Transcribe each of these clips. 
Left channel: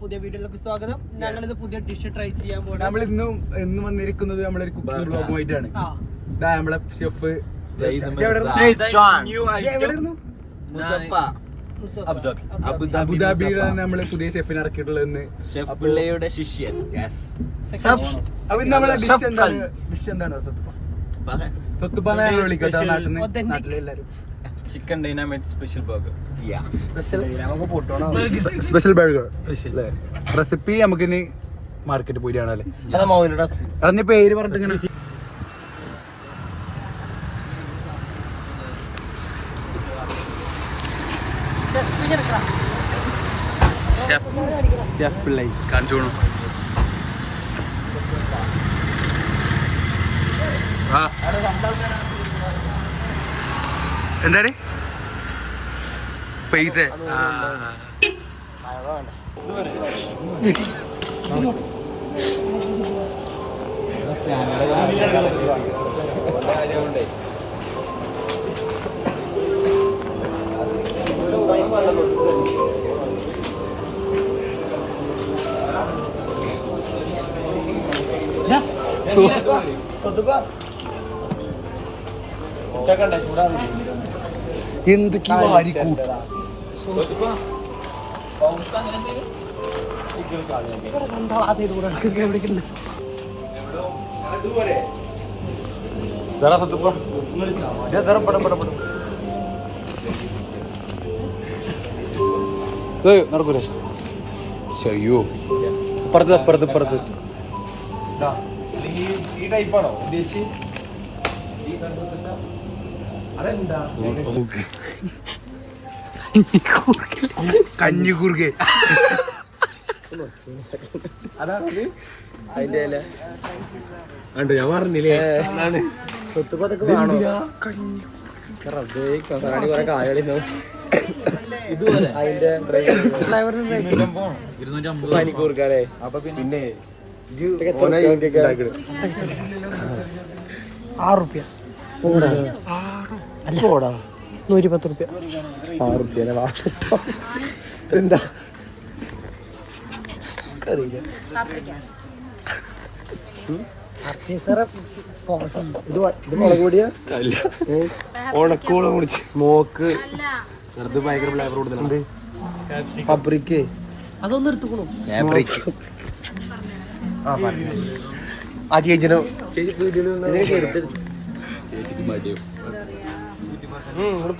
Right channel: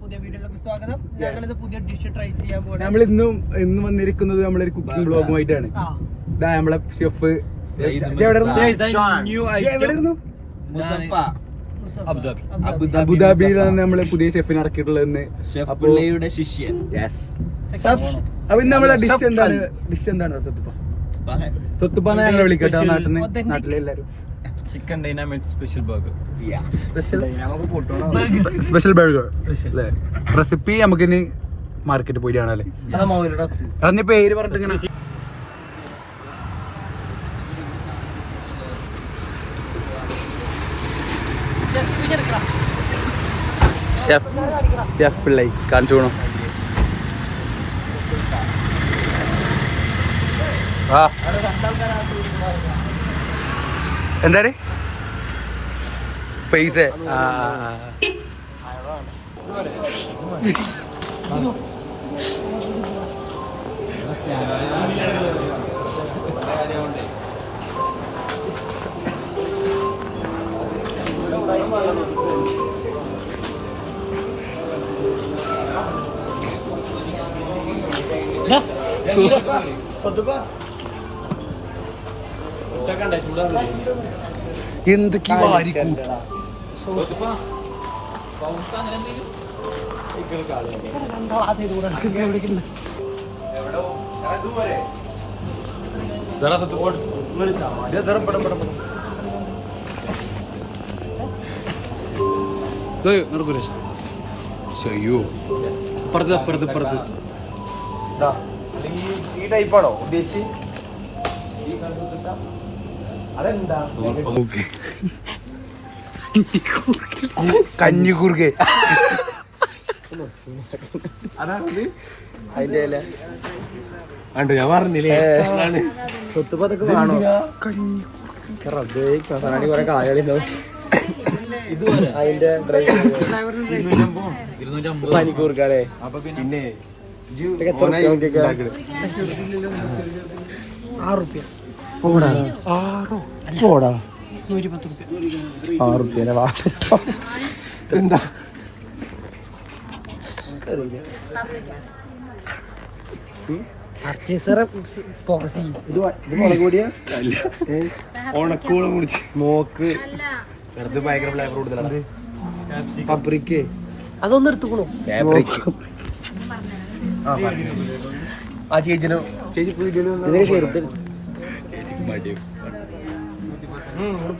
പുതിയ വീഡിയോയിലേക്ക് സ്വാഗതം. ഞങ്ങളിത് പുതിയ ഡിഷ് ട്രൈ ചെയ്യാൻ പോകും. നമ്മൾ ഇന്ന് വന്നിരിക്കുന്നത് നമ്മളൊരു കുക്കിംഗ് ബ്ലോഗുമായിട്ടാണ്. നമ്മളെ ഷെഫ് അബുദാബിയിലാണ് നമ്മള് പുതിയ ഷെഫിനെ ഇറക്കിയിട്ടുള്ളതെന്ന്. ശിഷ്യൻ. അപ്പൊ ഇന്ന് നമ്മളെ ഡിഷ് എന്താണ് സ്വത്തുപ്പാന്ന് ഞങ്ങൾ വിളിക്കട്ടെ നാട്ടിലെല്ലാരും. Chicken dynamite special burger. Special burger recipe നമുക്ക് ഇനി മാർക്കറ്റ് പോയി കാണാല്ലേ. അതിന്റെ പേര് പറഞ്ഞിട്ട് ഷെഫ് പിള്ളേ കാണിച്ചു പോണം. എന്താണ് പൈസ? എന്തൊക്കെ വാരിക്കൂട്ട് നടക്കൂലേ? അയ്യോ അപ്പുറത്ത് ഈ ടൈപ്പാണോ ഉദ്ദേശിച്ച്? അതെന്താ കഞ്ഞിക്കൂർക്കെ ഞാൻ പറഞ്ഞില്ലേ ഇതുപോലെ 250 മണിക്കൂർക്കാരെ. അപ്പൊ പിന്നെ 6 റുപ്യ 110 റുപ്യ. 6 റുപ്യ എന്താ ഉണക്കോളം കുടിച്ച് സ്മോക്ക് ചെറുത് ഭയങ്കര ഫ്ലേവർ കൂടുതലാണ്. പപ്രിക്ക് അതൊന്നും എടുത്തുകൊള്ളു. ആ ചേച്ചിയുടെ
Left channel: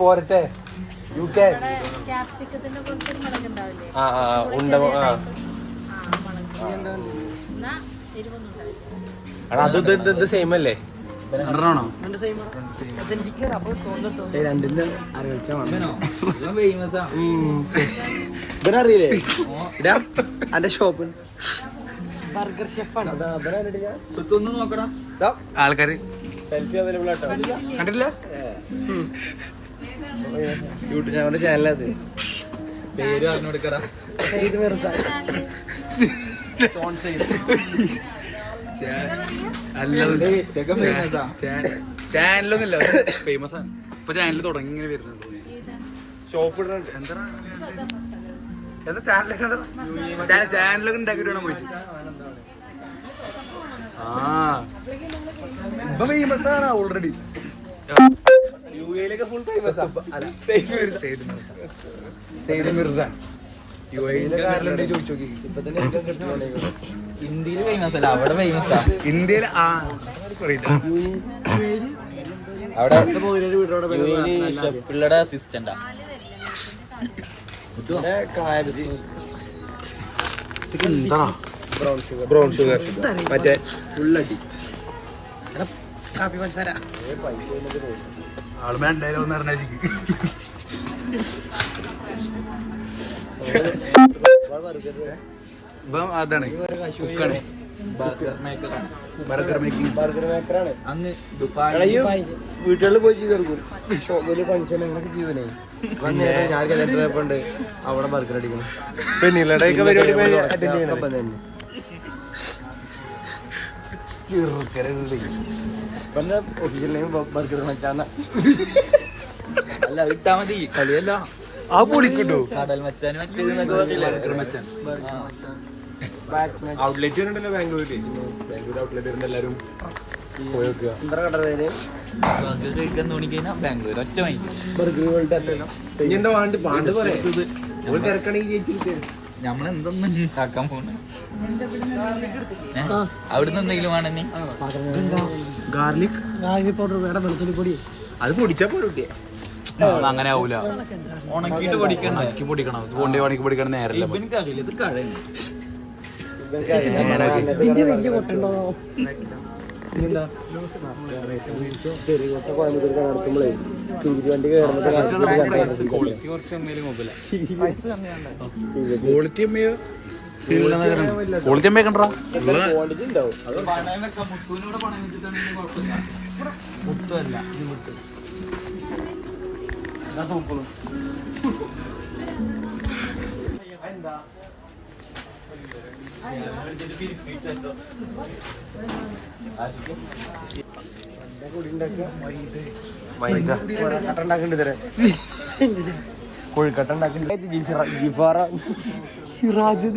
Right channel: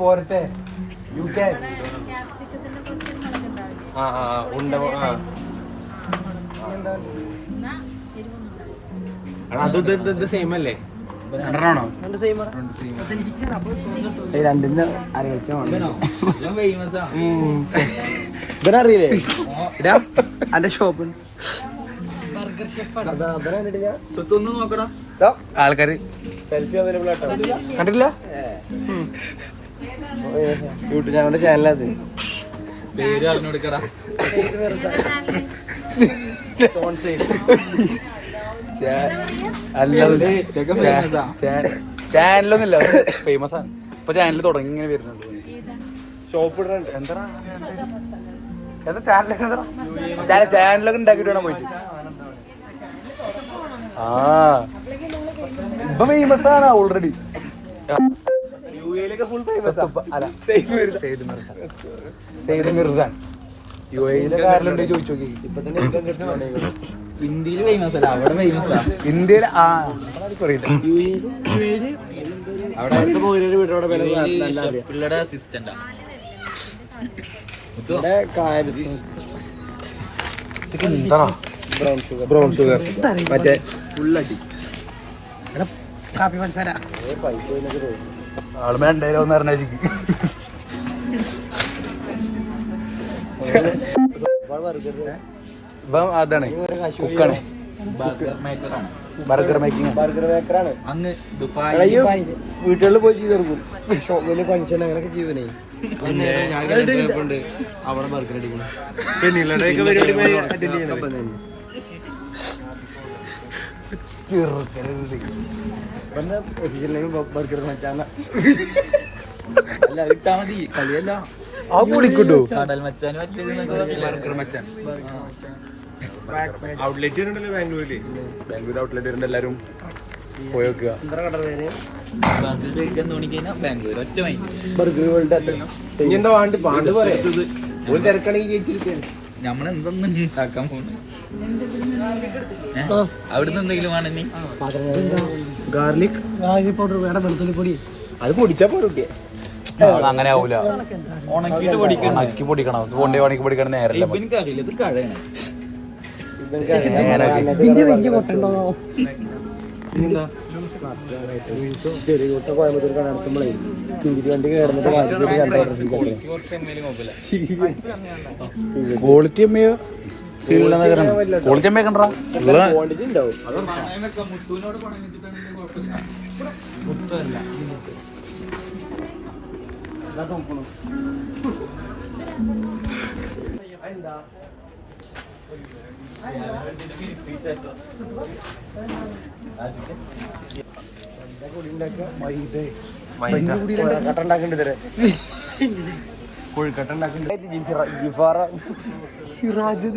പോരട്ടെ അത് സെയിം അല്ലേ? രണ്ടെണ്ണാണോ? രണ്ടിന് ഇതിനറിയില്ലേ എന്റെ ഷോപ്പ് സ്വത്തൊന്നും നോക്കടാ. ആൾക്കാര് സെൽഫി അവൈലബിൾ ആയിട്ടാ. കണ്ടില്ല യൂട്യൂബ് ചാനലത് പേര് പറഞ്ഞു കൊടുക്കടാ. ചാനലൊന്നുമില്ല, ഫേമസ് ആണ് ഇപ്പൊ. ചാനൽ തുടങ്ങി ഇങ്ങനെ വരുന്നുണ്ട്. ചാനലൊക്കെ ഉണ്ടാക്കിട്ട് വേണം പോയിട്ട്. ഇപ്പൊ ഫേമസ് ആണ് ഓൾറെഡി. സെയ്ദ് മിർസ യുഎഇയിലെ കാറിലുണ്ടെ ചോദിച്ചു നോക്കി. ഇന്ത്യയിൽ ഫേമസ് അല്ല, അവിടെ ഫേമസ്. ഇന്ത്യയിൽ പിള്ളേരുടെ അസിസ്റ്റന്റ് ബ്രൗൺ ഷുഗർ മറ്റേ ഫുള്ളടി ആള് വേണ്ടോന്ന് പറഞ്ഞ ഇപ്പം അതാണ് കുക്കാണ്, ബർഗർ മേക്കിംഗ്. അന്ന് വീട്ടുകളിൽ പോയി ചെയ്ത് കൊടുക്കും. വലിയ ഫംഗ്ഷൻ അങ്ങനെയൊക്കെ ചെയ്തേ ഞാൻ കൊണ്ട് അവിടെ ബർഗർ അടിക്കണം. ബർഗർ വെച്ചാൽ ഇട്ടാ മതി, കളിയല്ല. ആ പൊളിക്കിട്ടു കടൽ മച്ചാൻ മച്ചാൻ ഔട്ട്ലെറ്റ് ഉണ്ടല്ലോ ബാംഗ്ലൂരിൽ. ബാംഗ്ലൂർ ഔട്ട്ലെറ്റ് വരുന്നുണ്ട്. എല്ലാവരും പോയി നോക്കുക. ഇനി എന്താ പാണ്ട് പാണ്ട് പറയാ ഒരു തിരക്കണെങ്കിൽ ജയിച്ചിരിക്കാൻ. നമ്മളെന്തൊന്നും ഉണ്ടാക്കാൻ പോകുന്നു അവിടുന്ന് എന്തെങ്കിലും വേണമെങ്കിൽ ഗാർലിക് പൗഡർ വേണം, വെളുത്തുള്ളി പൊടി. അത് പൊടിച്ചാ പോരെ കുട്ടിയെ. അങ്ങനെ ആവൂല, ഉണക്കിയിട്ട് പൊടിക്കണം. ഉണക്കി പൊടിക്കണം. കൊണ്ടേ ഉണക്കി പൊടിക്കണം നേരല്ല. എനിക്കറിയില്ല ഇത് കഴയാണ്. വലിയ കൊട്ടുണ്ടോ? ചെറിയ കൊട്ട കോയമ്പത്തൂർ നടത്തുമ്പോഴേ ക്വാളിറ്റി അമ്മയോ ക്വാളിറ്റി അമ്മയെ കണ്ടാ ഉള്ള മുത്തൂനോട് പണം വെച്ചിട്ടാണെങ്കിൽ കുഴപ്പമില്ല. മുത്തല്ല കട്ട ഉണ്ടാക്കണ്ട് തരാം. കൊഴുക്കട്ട ഉണ്ടാക്കണ്ട്. സിറാജ്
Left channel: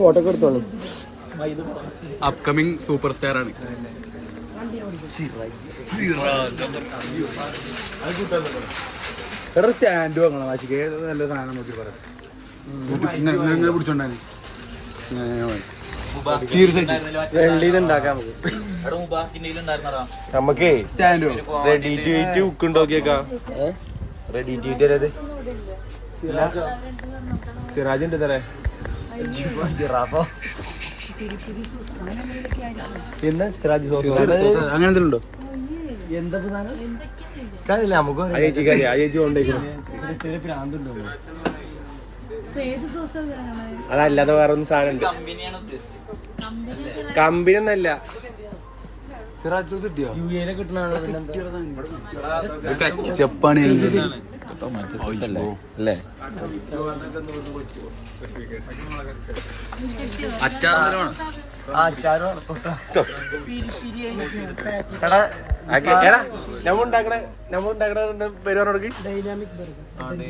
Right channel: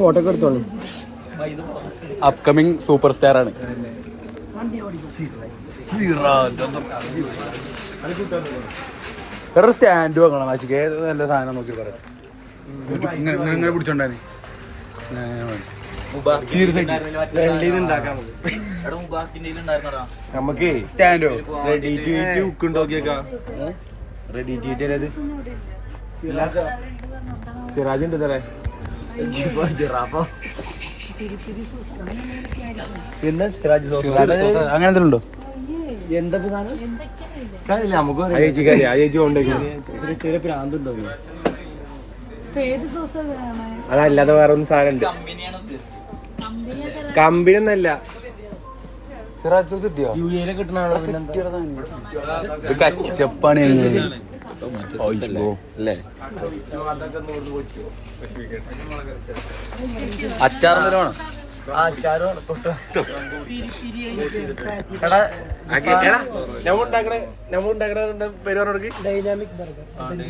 ഫോട്ടോ ഒക്കെ എടുത്തോളൂ. അപ്കമിങ് സൂപ്പർ സ്റ്റാർ ആണ്. വേറെ സ്റ്റാൻഡ് വാങ്ങണം. ആശിക്ക് നല്ല സാധനം നോക്കി പറയാം. ഇങ്ങനെ പിടിച്ചോണ്ടാണ് നമുക്ക് സ്റ്റാൻഡോ റെഡി ടു ഈറ്റ് ഉക്ക് നോക്കിയേക്കാ. റെഡി ടു ഈറ്റ് സിറാജ് ഉണ്ട് തരേ. പിന്നെ സിറാജ് അങ്ങനെ എന്തെങ്കിലും ഉണ്ടോ? എന്താ സാധനം കാര്യമില്ല. നമുക്ക് ചെറിയ ഭ്രാന്തുണ്ടോ? അതല്ലാതെ വേറെ ഒന്നും സാധനം ഉണ്ട്. കമ്പനി ഒന്നല്ല. സിറാജ് കിട്ടിയോ? യു എയിലെ കിട്ടണ ഇത് കച്ചപ്പാണ്. അച്ചാർ എന്തെങ്കിലും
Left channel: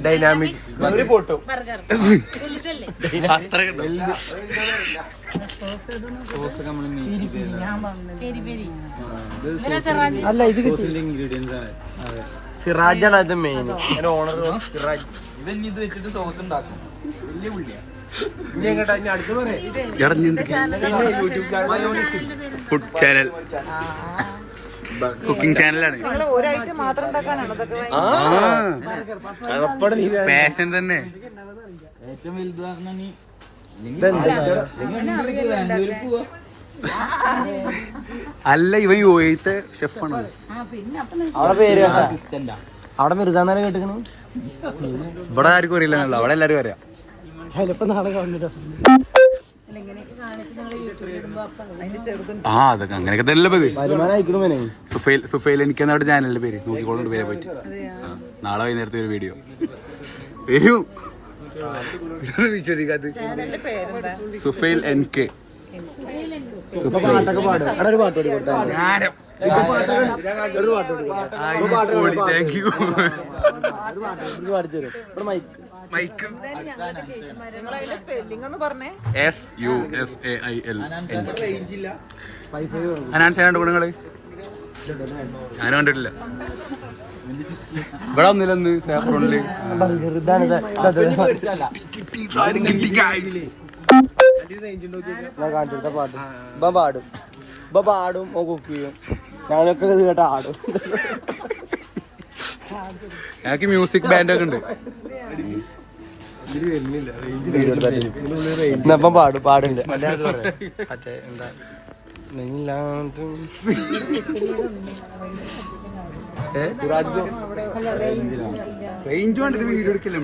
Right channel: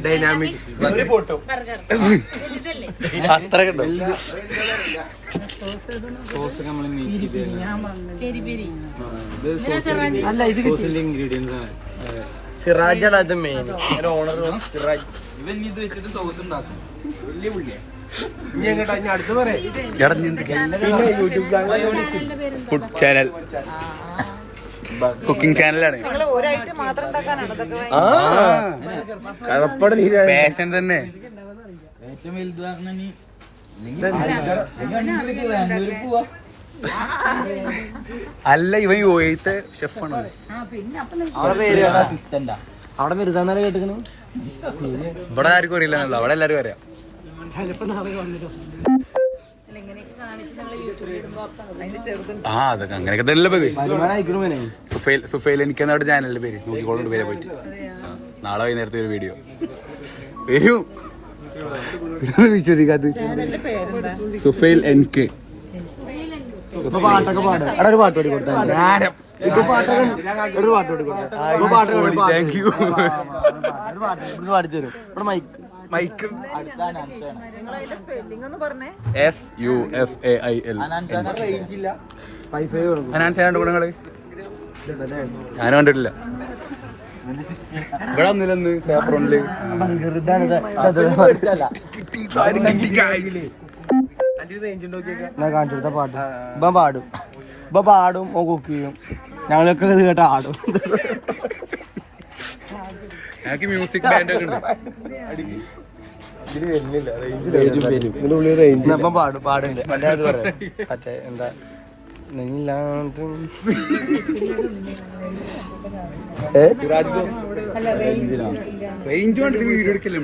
ഡൈനാമിക് പൊട്ടും അത്രയൊക്കെ ഉണ്ടോ? അല്ല ഇത് ഇൻഗ്രീഡിയൻസ് ആണ്. സിറാജാണ് അത് മെയിൻ. ഓണർ സിറാജ്. ഇവൻ ഇത് വെച്ചിട്ട് സോസ് ഉണ്ടാക്കും. വലിയ പുള്ളിയാ. ഇനി എങ്ങോട്ടാ ഇനി അടുത്ത് പറയാം. പിന്നെ യൂട്യൂബ് ഫുഡ് ചാനൽ, കുക്കിംഗ് ചാനലാണ്. പാഷൻ തന്നെ. ഏറ്റവും വലുത് പറഞ്ഞ ബാംഗ്ലൂരിൽ പോവാ. അല്ല, ഇവൻ യു എത്തെ ഷെഫാണ്. അസിസ്റ്റന്റാ. അവിടെ മിർജാന്നാലെ കേട്ടിക്കണു. ഇവിടെ ആർക്കും അറിയില്ലല്ലോ, അവിടെ എല്ലാരും അറിയാം. ആ അതൊക്കെ അങ്ങനെയൊക്കെ തന്നെ പതി. സുഫൈൽ എനിക്കെന്നാ അവിടെ ചാനലിന്റെ പേര് നോക്കിക്കോളുണ്ട്. പേരെ പറ്റി നാളെ വൈകുന്നേരത്തെ ഒരു വീഡിയോ വരൂ. വിശ്വസിക്കാത്ത സുഫൈൽ NK. പാട്ടൊക്കെ പാടും. അവിടെ ഒരു പാട്ട് പാടി കൊടുത്താൽ ഇപ്പൊ പാട്ടൊക്കെ താങ്ക് യു. പാടിത്തരും. ഇവിടെ മൈക്ക് SUFAIL. അനാൻസ് ചെയ്യാണ്ട് ഗുണങ്ങള് ഞാനും കണ്ടിട്ടില്ല. ഇവിടെ ഒന്നില്ലെന്ന് സാഫ്രോണില് പാടും കുക്ക് ചെയ്യും. ഞങ്ങളൊക്കെ ഇത് കേട്ട ആടും. ഞങ്ങൾക്ക് മ്യൂസിക് ബാൻഡ് ഒക്കെ ഉണ്ട്. ഇതിനുള്ളിൽ പാടും പാടുണ്ട്. മറ്റേ എന്താ വീഡിയോ എടുക്കല്ലേ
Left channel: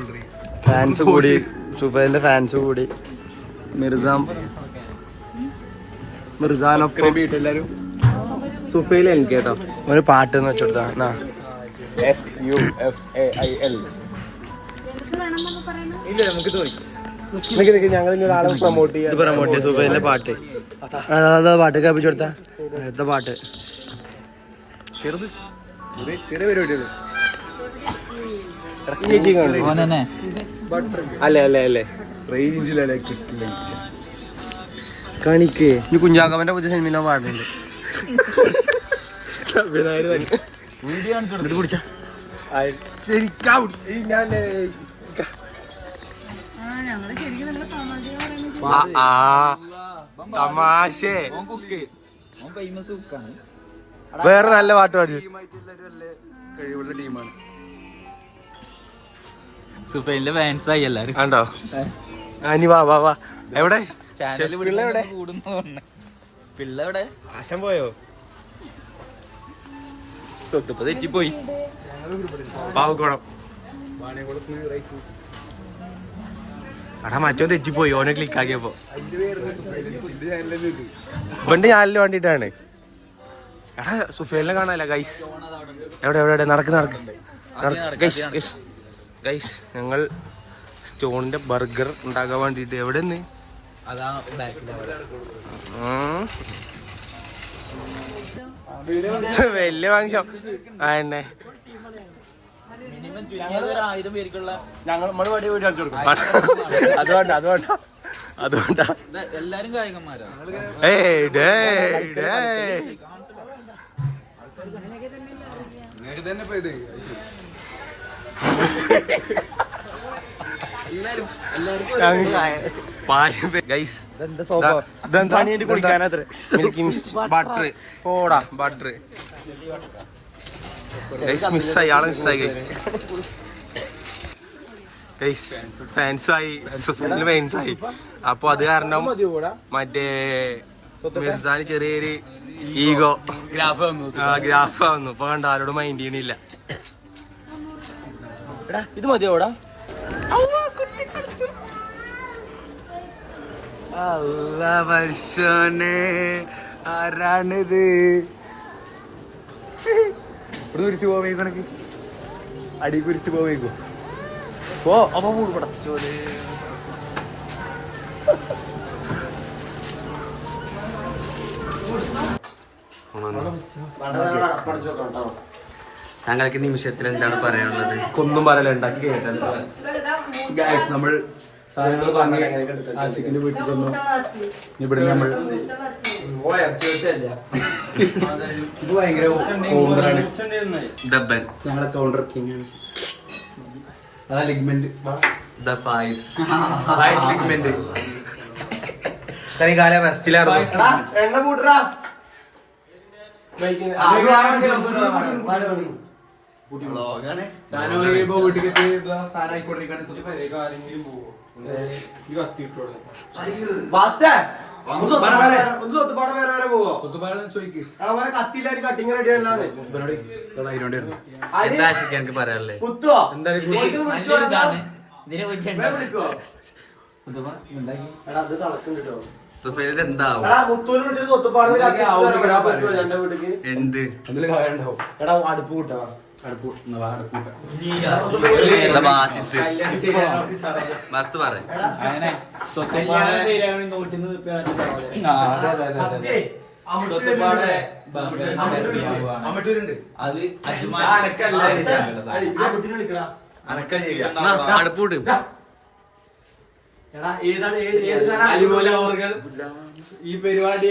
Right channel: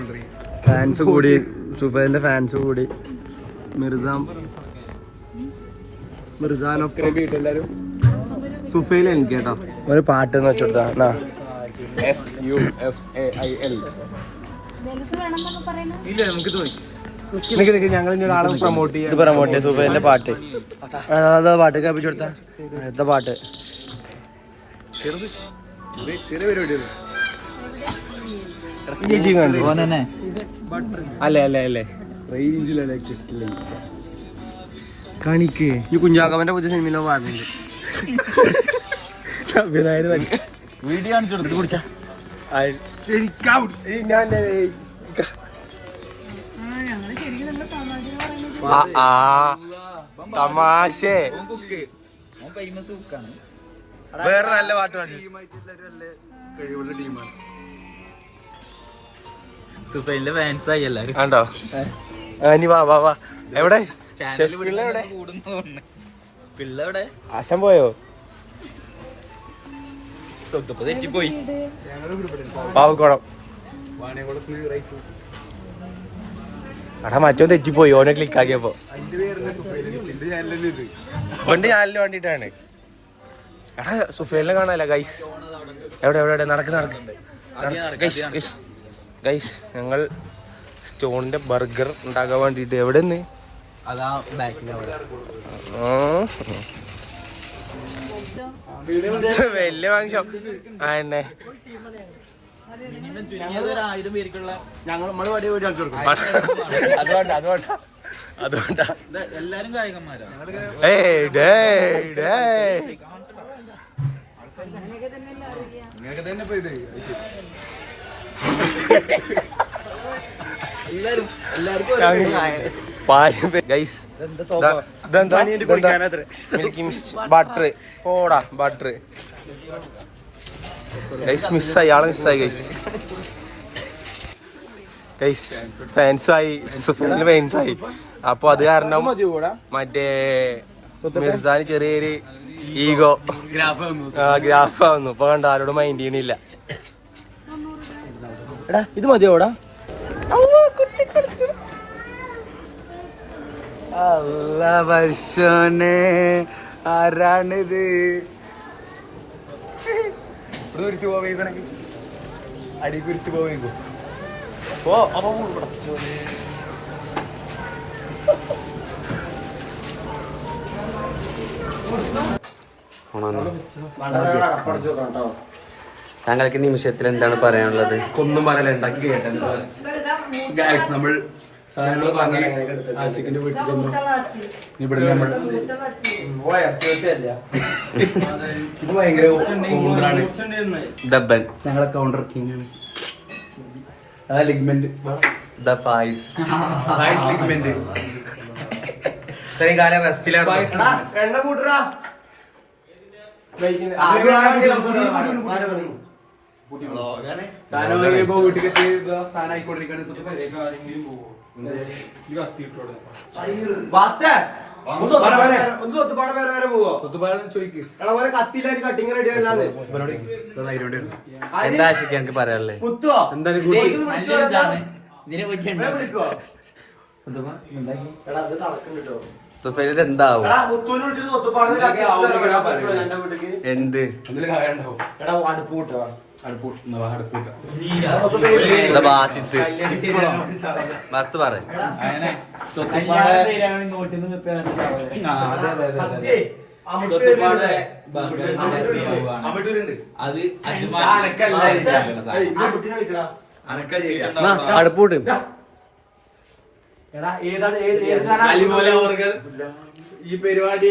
ഫാൻസ് കൂടി, സുഫൈലിന്റെ ഫാൻസ് കൂടി. മിർസാനൊപ്പം സുഫൈൽ എനിക്ക് കേട്ടോ ഒരു പാട്ട് എന്ന് വെച്ചെടുത്താ. SUFAIL. ഞങ്ങൾ പ്രൊമോട്ട് ചെയ്യാം. സുഫൈലിന്റെ പാട്ട് പാട്ട് കേൾപ്പിച്ചു കൊടുത്ത പാട്ട് ചെറിയ പരിപാടികൾ ഓനെ അല്ലേ അല്ലേ അല്ലേ റേഞ്ചിലാണ് കണിക്ക് ഈ കുഞ്ചാക്കവന്റെ പുതിയ സിനിമ പാടുന്നുണ്ട് വീഡിയോ കാണിച്ചു കുടിച്ചാ തമാശ ഫേമസ് കുക്കാണ്. വേറെ നല്ല പാട്ട് പാടി സുഫൈലിന്റെ ഫാൻസ് ആയി എല്ലാരും. ആണ്ടോ ഇനി വാ വാ വാ എവിടെ പിള്ള എവിടെ പിള്ള എവിടെ? ആശം പോയോ സ്വത്തപ്പ തെറ്റിപ്പോയി. പാവക്കോണം എടാ മറ്റോ തെറ്റിപ്പോയി ഓനെ ക്ലിക്ക് ആക്കിയപ്പോ വണ്ടി ചാനലിന് വേണ്ടിട്ടാണ്. എടാ സുഫേലിനെ കാണാല്ല ഗൈസ്. എവിടെ എവിടെ എവിടെ നടക്ക് നടക്ക് ഗൈസ് ഞങ്ങൾ സ്റ്റോണിന്റെ ബർഗർ ഉണ്ടാക്കാൻ വേണ്ടിട്ട് എവിടെ നിന്ന് വലിയ ഫംഗ്ഷൻ ആന്നെ മിനിമം ചുരുങ്ങിയത് ഒരു 1000 പേർക്കുള്ള അതുകൊണ്ടാ അതുകൊണ്ടാ അതുകൊണ്ടാ എല്ലാരും ഗായകന്മാരാണ്. ബട്ടർ പോടാ ബട്ടർ ഗൈസ് മിസ്സായി ആളെ മിസ്സായി ഗൈസ് ഫാൻസായി സുഫേലിന് ഫാൻസായി. അപ്പൊ അത് കാരണം മറ്റേ മിർസാന് ചെറിയൊരു ഈഗോ ഗ്രാഫ് വന്നു. ഇപ്പൊ കണ്ട ആരോടും മൈൻഡ് ചെയ്യണില്ല. ഇത് മതിയോടാ വർഷനെ ആരാണിത് കുരിച്ചു പോവേക്കണക്ക് അടി കുരിച്ചു പോവേക്കോ പോ അപ്പൊ പടച്ചോനെ താങ്കൾക്ക് നിമിഷത്തിൽ എന്താണ് പറയാനുള്ളത്? ഒന്നും പറയല ഉണ്ടാക്കി കേട്ടത്. നമ്മൾ സാധനങ്ങൾ വാങ്ങി ആശിക്കിന്റെ വീട്ടിൽ വന്നു. ഇവിടെ നമ്മൾ ഇത് ഭയങ്കര കൗണ്ടറാണ്. ദബൻ ഞങ്ങളെ കൗണ്ടർ കിങ് ആ ലിഗ്മെന്റ് ദ ഫായിസ് ലിഗ്മെന്റ് എണ്ണ കൂട്ടറാ സാധനം കഴിയുമ്പോ വീട്ടിലേക്ക് സാധനം ആയിക്കൊണ്ടിരിക്കുകയാണ്. ചോദിക്കും എന്താ ആശിക്ക് എനിക്ക് പറയാനുള്ളത്? സുഫൈലിത് എന്താവും? എന്ത് അടുപ്പ് കൂട്ടാ ബാസിത്ത് മസ്ത് പറ അടുപ്പൂട്ട് ഈ പരിപാടി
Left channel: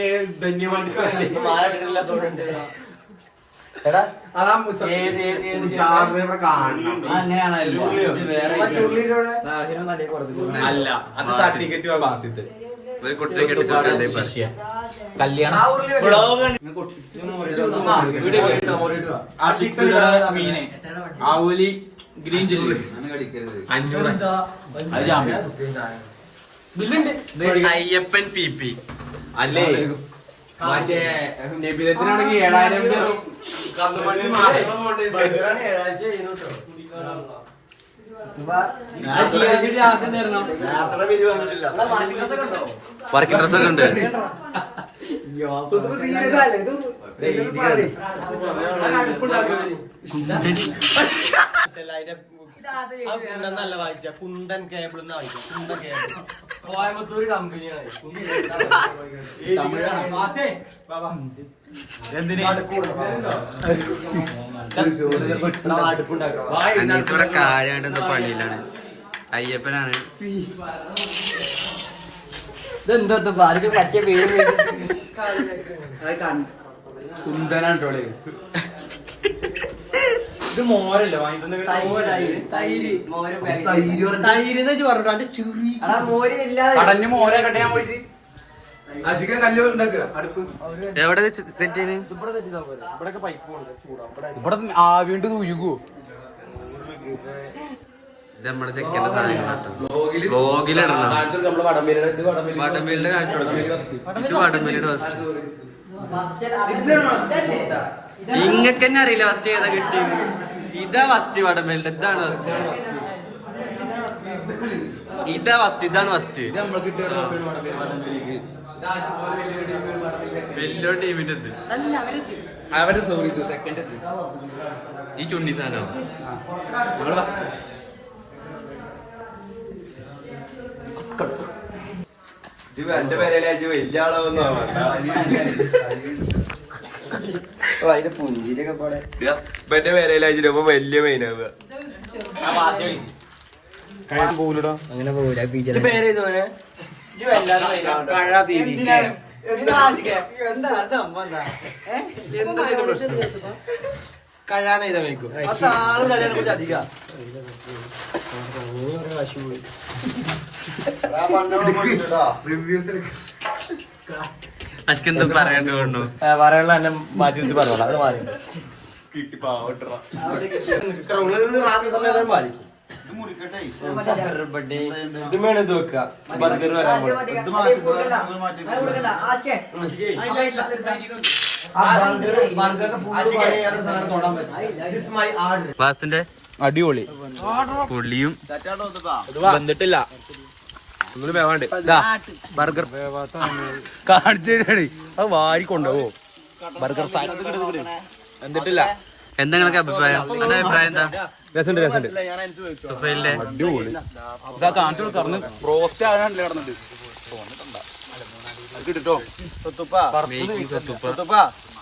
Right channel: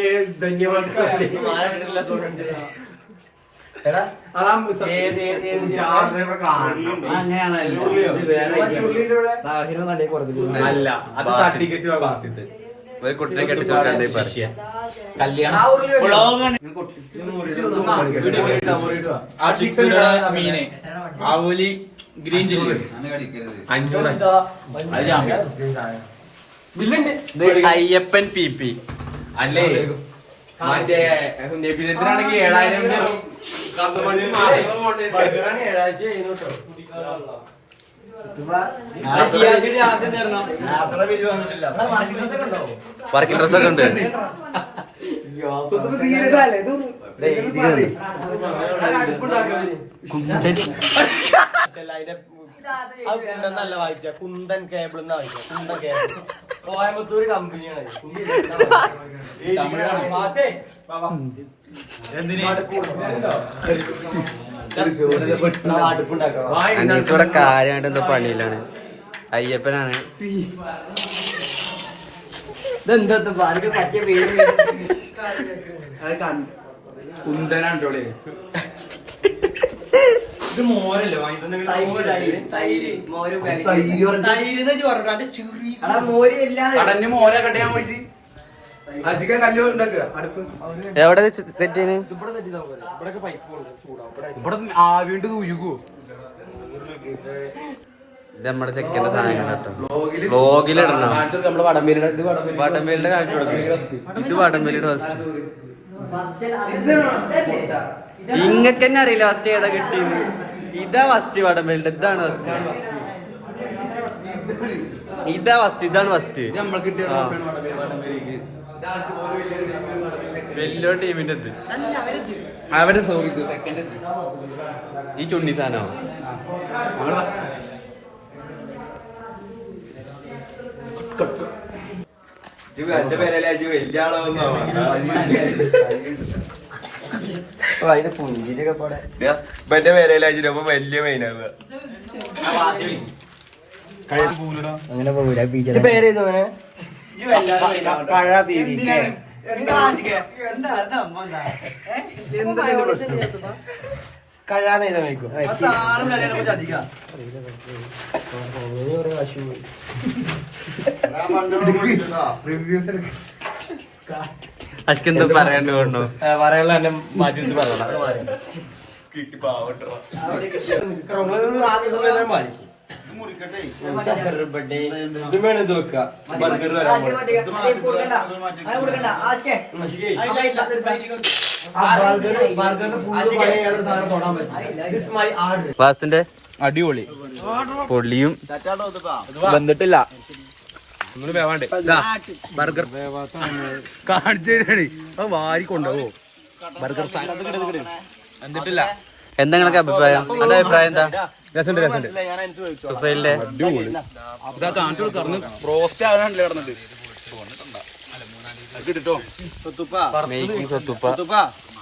ഒരു കുട്ടിയെ കെട്ടിച്ചു മീന് ആവോലി ഗ്രീൻ ചില്ലി അയ്യപ്പൻ PP അല്ലേ മറ്റേ നബിനെത്തിനാണെങ്കിൽ 7000 വർക്കിംഗ് ഡ്രസ്സൊക്കെ ഉണ്ട്. നല്ല വായിച്ച കുന്തൻ കേബിൾ കോയമ്പത്തൂർ കമ്പനിയാണ്. അനീസ് ഇവിടെ കാര്യമായിട്ട് എന്തോ പണിയിലാണ്. അയ്യപ്പനാണ്. കുന്തനാണ് ഇത് മോരല്ലേ വാങ്ങി കടഞ്ഞ് മോരെ കെട്ടാൻ പോയിട്ട് ആശിക്കാൻ കല്ല് ഉണ്ടാക്കുക അടുപ്പ്. എവിടെ സെറ്റ് ചെയ്യുന്നു? ഇവിടെയൊക്കെ പൈപ്പ് ചൂടാവും. ഇവിടെ വീണ്ടും ഉരുകൂ. ഇത് നമ്മുടെ ചെക്കന്റെ സാധനങ്ങൾ കേട്ടോ. വ്ലോഗിലിടണം. വടംവേലിയുടെ കാണിച്ചു കൊടുക്കും. ഇത് വടംവേലിയുടെ ഫസ്റ്റ്. ഇങ്ങക്ക് തന്നെ അറിയില്ല ഫസ്റ്റ് ഏതാ കിട്ടിയത്. ഇതാ ഫസ്റ്റ് വടംവേലിന്റെ. ഇതാണ് ഫസ്റ്റ്. ഇതാ ഫസ്റ്റ്. ഇതാണ് ഫസ്റ്റ്. വലിയ ടീമിന്റെ ഇത്. അവരുടെ സോറി സെക്കൻഡ് ഈ ചുണ്ണി സാധനമാണോ? നമ്മള് ഫസ്റ്റ്. എന്റെ പേരല്ലേ വലിയ ആളൊന്നും എന്റെ പേരല്ലേ അപ്പൊ വലിയ മെയിനാവുക. അങ്ങനെ പോകൂല പേര് എന്താ പ്രശ്നം? കഴിയാതെ വയ്ക്കും. അശ്ക്കെന്താ പറയാണ്ട് കൊണ്ടു പറയാനുള്ള എന്നെ മാറ്റി പറയണം. ഇത് വേണം ഇത് വെക്കുക. വാസ്തുന്റെ അടിപൊളി പൊള്ളിയും വന്നിട്ടില്ല. ബർഗർ കാണിച്ചു തരാണ്. അത് വാരി കൊണ്ടുപോകോ ബർഗർ വന്നിട്ടില്ല. എന്താ നിങ്ങളൊക്കെ അഭിപ്രായം? എന്റെ അഭിപ്രായം എന്താ? രസമുണ്ട് രസമുണ്ട്. സുഫൈലിന്റെ അടിപൊളി. ഇതാ കാണിച്ചു കൊടുക്കണം. റോസ്റ്റ് ആകാനല്ലേ കിടന്നത് കിട്ടോ. മേക്കിംഗ് സ്വത്തുപ്പ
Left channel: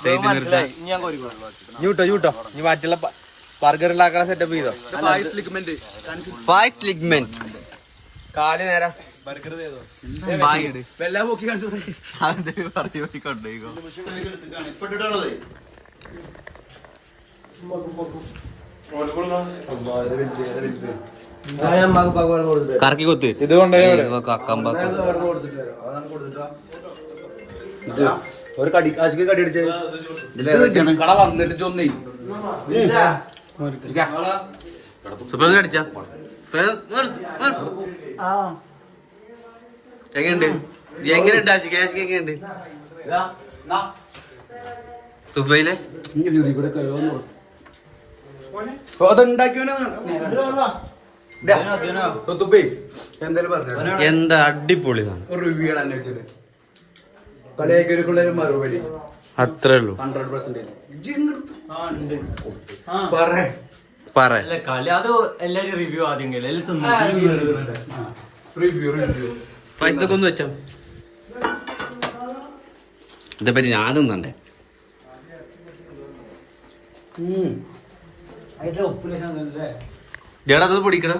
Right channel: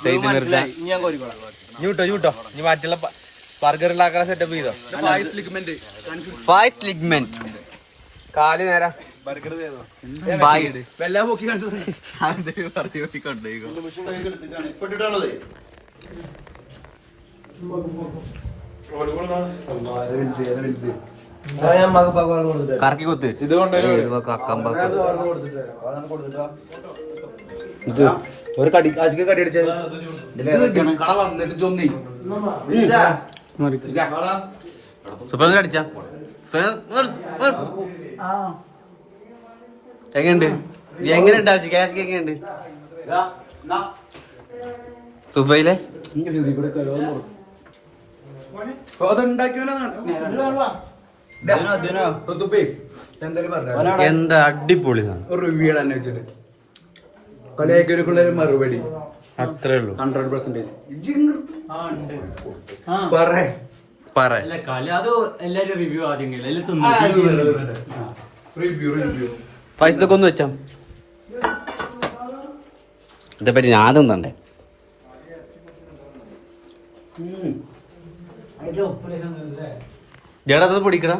സെയ്ദ് മിർജ. ഞൂട്ടോ നീ മറ്റുള്ള ബർഗർ ഉണ്ടാക്കാൻ സെറ്റപ്പ് ചെയ്തോ. ഫായ്സ് ലിഗ്മെന്റ് കാല് നേരം ഫായ്സ് വെള്ള പോക്കി കാണിച്ചു. കറക്കി കൊത്ത്. ഇതുകൊണ്ട് കമ്പാക്ക് ഇത് ഒരു കടി ആശിക്ക് കടി അടിച്ചത് കട വന്നിട്ട് ചൊന്നേ സുഫൈൽ അടിച്ച എങ്ങനെയുണ്ട്? എങ്ങനെയുണ്ട് ആശിക്ക്? ആശിക്ക് എങ്ങനെയുണ്ട് സുഫൈലെ? എന്താ അടിപൊളി സാധനം. റിവ്യൂ തന്നെ വെച്ചിട്ട് കളിയാക്കിയുള്ള മറുപടി അത്രേ ഉള്ളൂ. 100% പറ പറ അത് എല്ലാരും റിവ്യൂ ആദ്യം റിവ്യൂ പൈസ ഇതൊക്കെ ഒന്ന് വെച്ചാ ഇതേപ്പറ്റി ഞാൻ തിന്നണ്ടേ? ജഡ പൊടിക്കണം.